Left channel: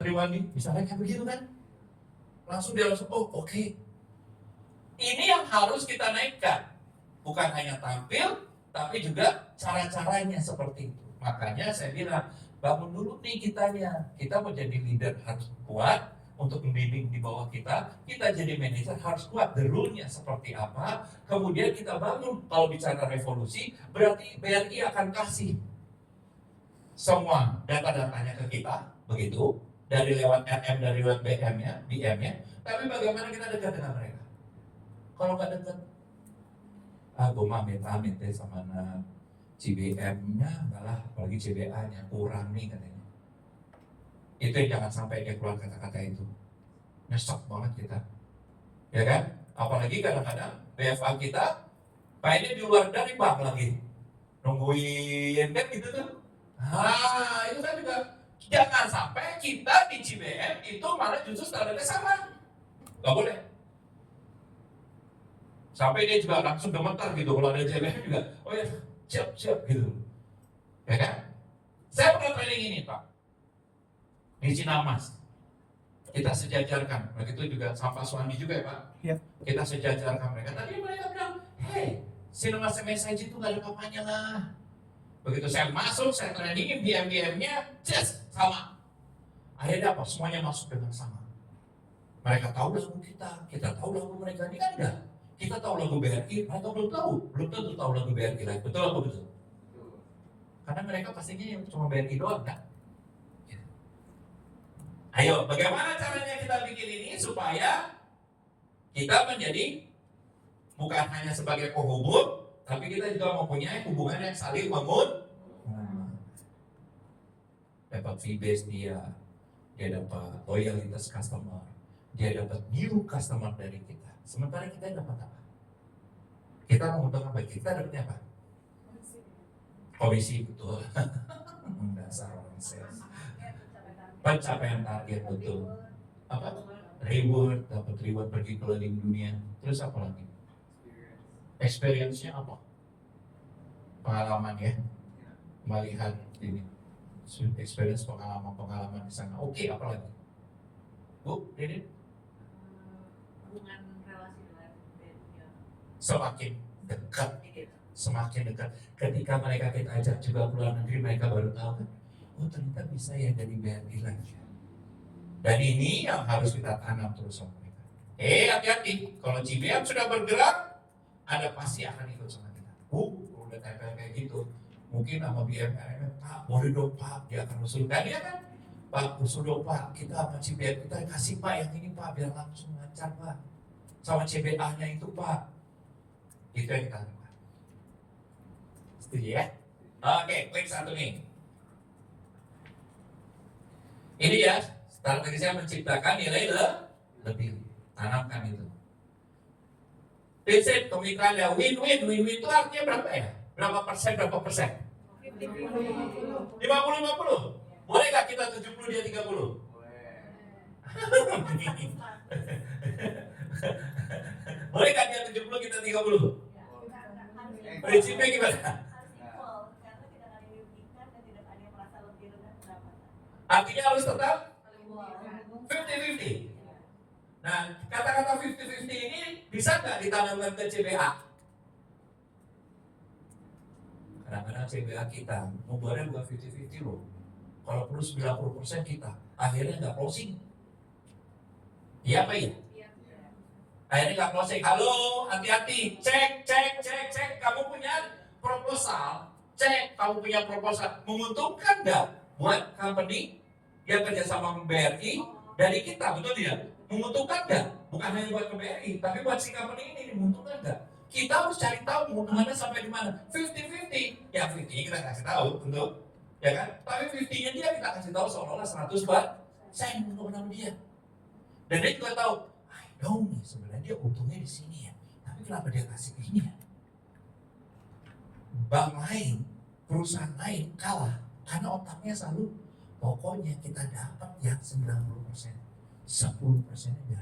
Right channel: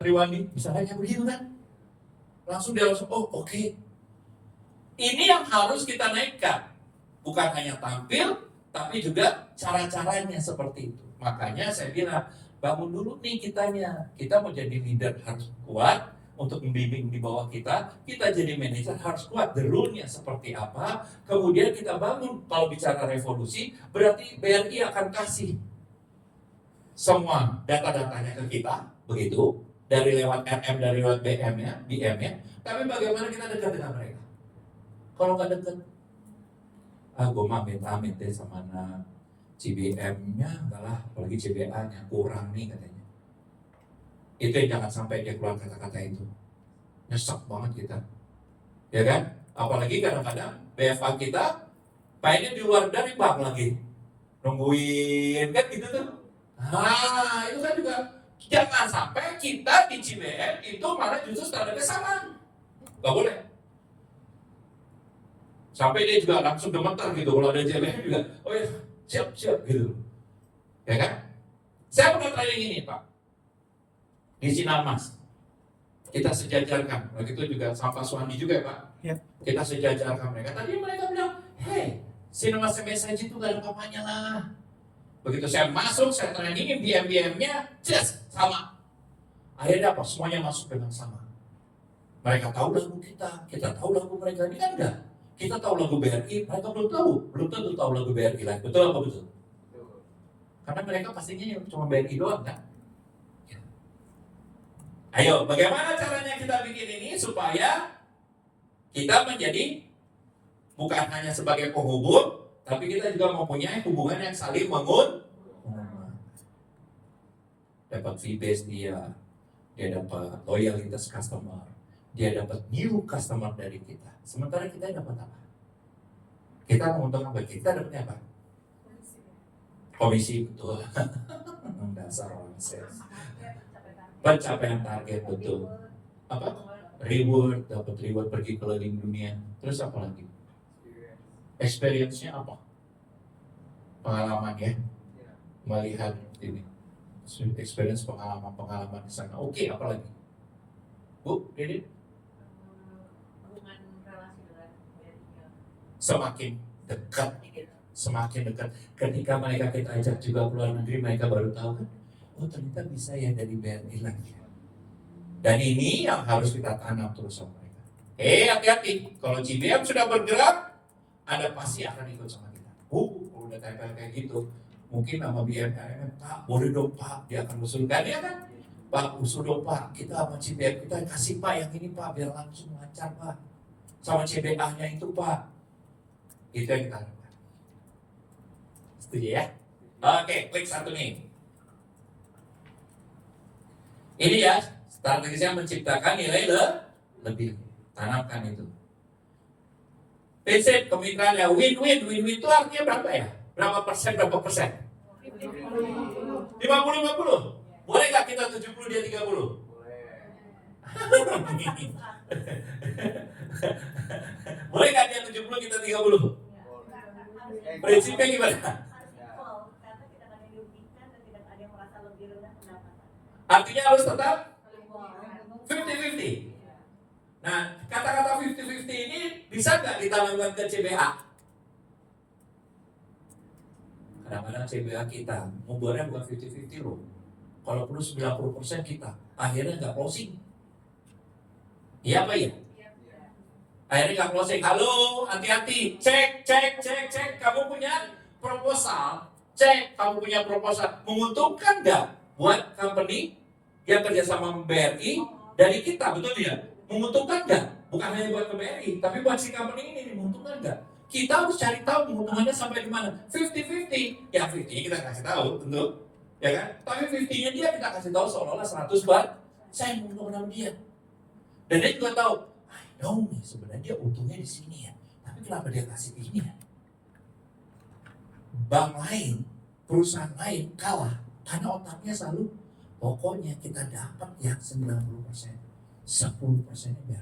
Triwandi, misalnya kayak begitu kan, langsung dia langsung, oh oke. Ini yang harus kita naikkan, bukan hanya tampil, tapi juga cara-caranya seperti itu. Makanya saya bilang, bangun dulu nih kitanya. Kita mau jadi leader harus kuat untuk membimbing di bawah kita. Kita jadi manajer harus kuat. The rule-nya seperti apa. Kemudian kita bangun. Kalau bicara revolusi, berarti BRI akan kasih semua data-datanya ke kita, begitu. Dari lewat RM, dari lewat BM-nya. Tapi bagaimana kita dekat dengan mereka? Kalau nggak dekat, gue mah amit-amit deh sama CBM-nya, malah apalagi CBA-nya kurang nih katanya. Itu yang jangan sampai dia keluar kata-kata itu. Nyesek banget kita, ya kan? Apalagi kadang-kadang BFA kita kayaknya di luar dari bank lagi, nungguin kan gitu tuh. Nah itu kan juga jangan sampai kita di CBM itu malah justru standarnya sama, nggak boleh. Sampai dia juga langsung gemetar gitu kalau ada CBM juga, oh ya siap gitu, ya kan? Saya pernah tanya gini Pak, di Sinarmas kita sejajarkan, begitu juga sama Pak Suwandi juga ya Pak, ya. Kita sejajarkan mereka. Tadi mereka bilang, hey, Sinarmas MSIG itu gak ada apa-apanya lah. Begitu saya masuk, saya training BM-nya, just sama. Akhirnya apa? Semuanya masuk dengan sama. Mereka tahu lagu kita tahu lagu mereka. Ini kan udah, kita tahu lagu BRI, mereka belum tentu tahu lagu BRI lagi. Betul apa betul? Karena mereka pastinya cuma BRI doang kan. Ayo, bagaimana caranya kita bikin ini supaya kita menjadi bukan hanya sebagai penghubung, tapi kita juga mempunyai hubungan yang saling menguntungkan. Dapat fee base dia dapat loyalitas customer, dia dapat new customer dari kita. Sementara kita dapat apa? Kita menguntungkan apa? Kita dapatnya apa? Komisi, betul. Dasar orang sales. Pencapaian target, betul. Apa? Reward, dapat reward pergi keliling dunia. Terus apa lagi? Experience-nya apa? Pengalaman ya, melihat ini, experience pengalaman di sana. Oke, apa lagi? Bu, Dede? Hubungan relasi dengan BRI-nya semakin dekat. Ketika mereka kita ajak juga keluar negeri, mereka baru tahu kan, oh ternyata bisa ya dari BRI lagi. Dan ini yang harus kita tanam terus sama mereka. Hati-hati, kalau CBM sudah bergerak, ada pasti akan ikut sama kita. Udah kayak gitu. Mungkin sama BM, Pak, boleh dong Pak, dia akan usulkan ya kan? Pak, usul dong Pak, kita sama CBM kita kasih Pak yang ini Pak, biar langsung lancar Pak. Sama CBA-nya itu Pak. Itu yang kita lakukan. Setuju ya? Oke, klik satu nih. Ini ya, strategisnya menciptakan nilai lebih. Tanamkan itu. Prinsip kemitraan ya win-win itu artinya berapa ya? Berapa persen? 50-50. Boleh nggak kita 70 dia 30? Boleh nggak dia 70 kita 30? Prinsipnya gimana? Artinya harus tetap 50-50. Nah, kata-kata 50-50 ini bisa nggak ditanamkan ke CBA? Kadang-kadang CBA kita membuatnya bukan 50-50 loh. Kalau perlu 90% kita, akhirnya nggak closing. Iya apa ya? Akhirnya nggak closing. Halo, hati-hati. Cek. Kamu punya proposal. Cek, kamu punya proposal. Menguntungkan nggak buat company yang kerjasama BRI dari kita, betul tidak? Menguntungkan nggak? Bukan hanya buat BRI, tapi buat si company ini menguntungkan nggak? Kita harus cari tahu menguntungkannya sampai di mana. 50-50, ya 50 kita kasih tahu, tentu, ya kan? Tapi 50-nya dia kita kasih tahu seolah-olah 100 buat saya menguntungkan dia. Dan dia juga tahu, I know nih sebenarnya dia untungnya di sini ya, tapi kenapa dia kasih ini ya? Bank lain, perusahaan lain kalah karena otaknya selalu pokoknya kita dapat yang 90%, 10%-nya